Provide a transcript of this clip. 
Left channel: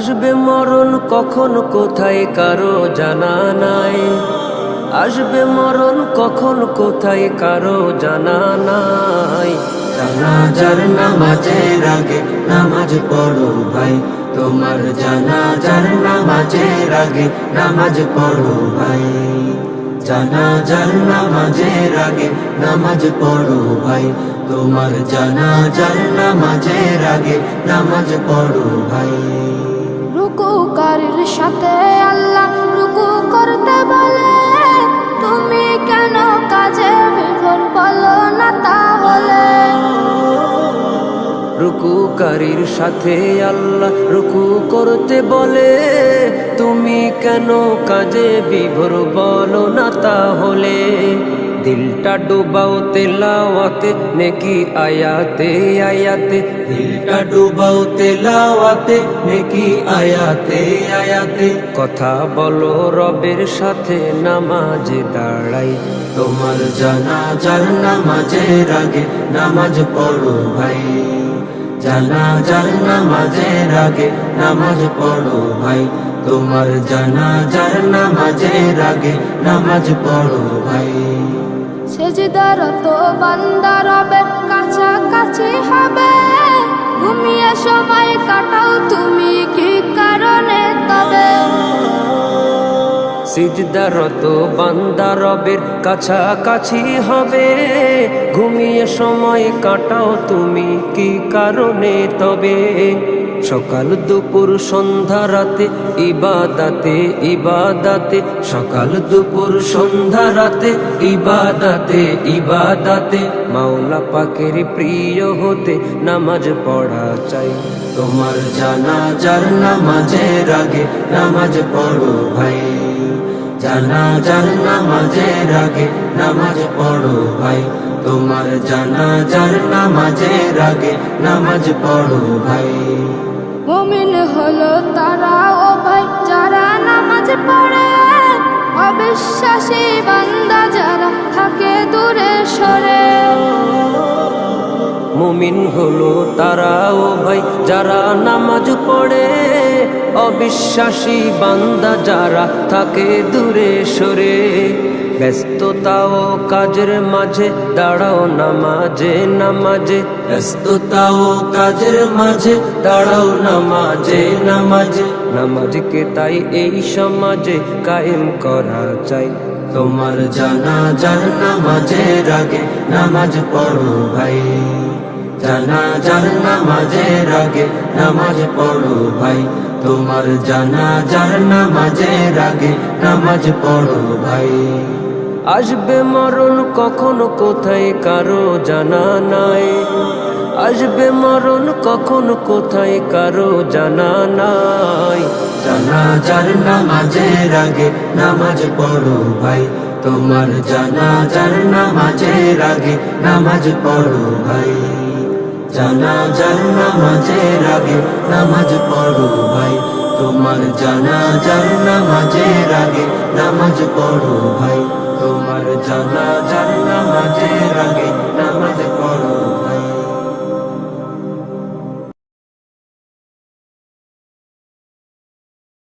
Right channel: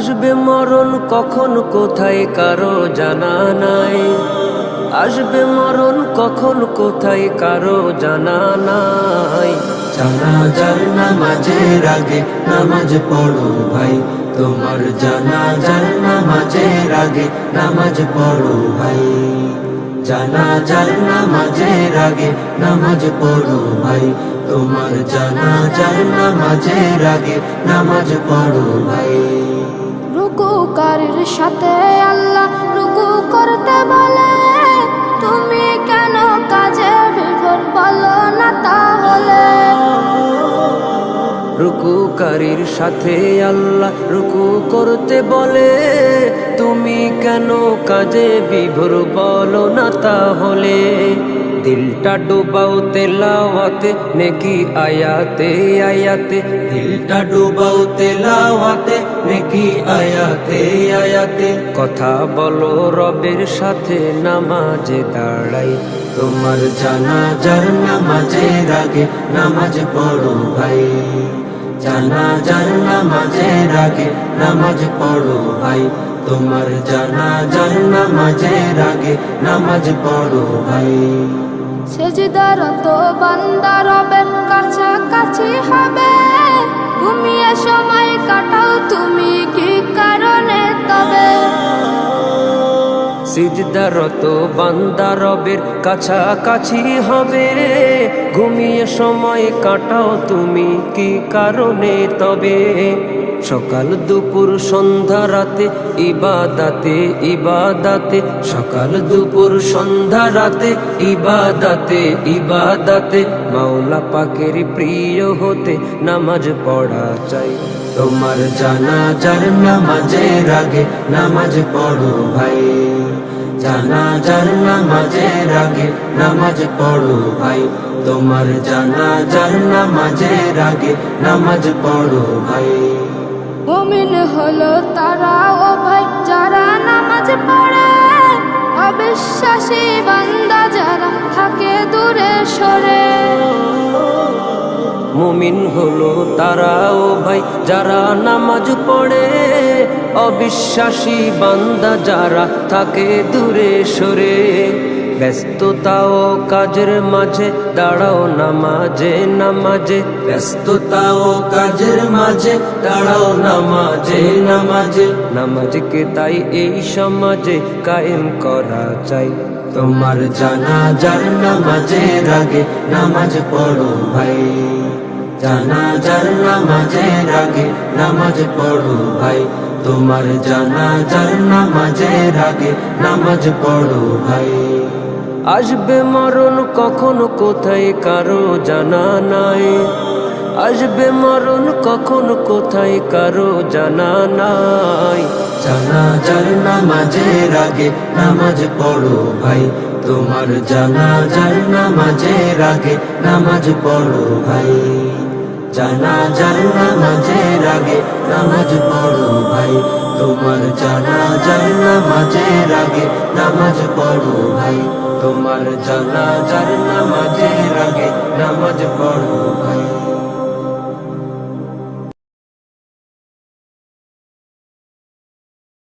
আসবে মরণ কখন কোথায় কারো জানা নাই। আসবে মরণ কখন কোথায় কারো জানা নাই। জানাজার নামাজের আগে নামাজ পড়ো ভাই, তোমার জানাজার নামাজের আগে নামাজ পড়ো ভাই। জানাজার নামাজের আগে নামাজ পড়ো ভাই, তোমার জানাজার নামাজের আগে নামাজ পড়ো ভাই। রুকুকারীর সাথে আল্লাহ রুকু করতে বলে, তুমি কেন কাজে বিভোর বলো না তাহলে। রুকুকারীর সাথে আল্লাহ রুকু করতে বলে, তুমি কেন কাজে বিভোর বলো না তাহলে। দিলটা ডুবাও তেলাওয়াতে নেকি আয়াতে আয়াতে, দিলটা ডুবাও তেলাওয়াতে নেকি আয়াতে আয়াতে। কথা বলো রবের সাথে নামাজে দাঁড়াই। তোমার জানাজার নামাজের আগে নামাজ পড়ো ভাই, জানাজার নামাজের আগে নামাজ পড়ো ভাই। তোমার জানাজার নামাজের আগে নামাজ পড়ো ভাই। সেজদারত বান্দা রবের কাছাকাছি হবে, ঘুমিয়ে সময় কাটাও তুমি কি কারণে তবে। সিজদারত বান্দা রবের কাছাকাছি হবে, ঘুমিয়ে সময় কাটাও তুমি কি কারণে তবে। সকাল দুপুর সন্ধ্যা রাতে ইবাদাতে ইবাদাতে, সকাল দুপুর সন্ধ্যা রাতে ইবাদাতে ইবাদাতে। মাওলা পাকের প্রিয় হতে নামাজ পড়া চাই। তোমার জানাজার নামাজের আগে নামাজ পড়ো ভাই, জানাজার নামাজের আগে নামাজ পড়ো ভাই। তোমার জানাজার নামাজের আগে নামাজ পড়ো ভাই। মুমিন হলো তারা ও ভাই যারা নামাজ পড়ে, অবিশ্বাসী বান্দা যারা থাকে দূরে সরে। মুমিন হলো তারা ও ভাই যারা নামাজ পড়ে, অবিশ্বাসী বান্দা যারা থাকে দূরে সরে। ব্যস্ততা ও কাজের মাঝে দাঁড়াও নামাজে নামাজে, ব্যস্ততা ও কাজের মাঝে দাঁড়াও নামাজে নামাজে। নামাজকে তাই এই সমাজে কায়েম করা চাই। তোমার জানাজার নামাজের আগে নামাজ পড়ো ভাই, জানাজার নামাজের আগে নামাজ পড়ো ভাই। তোমার জানাজার নামাজের আগে নামাজ পড়ো ভাই। আসবে মরণ কখন কোথায় কারো জানা নাই। আসবে মরণ কখন কোথায় কারো জানা নাই। জানাজার নামাজের আগে নামাজ পড়ো ভাই, তোমার জানাজার নামাজের আগে নামাজ পড়ো ভাই। জানাজার নামাজের আগে নামাজ পড়ো ভাই, তোমার জানাজার নামাজের আগে নামাজ পড়ো ভাই। তোমার জানাজার নামাজের আগে নামাজ পড়ো।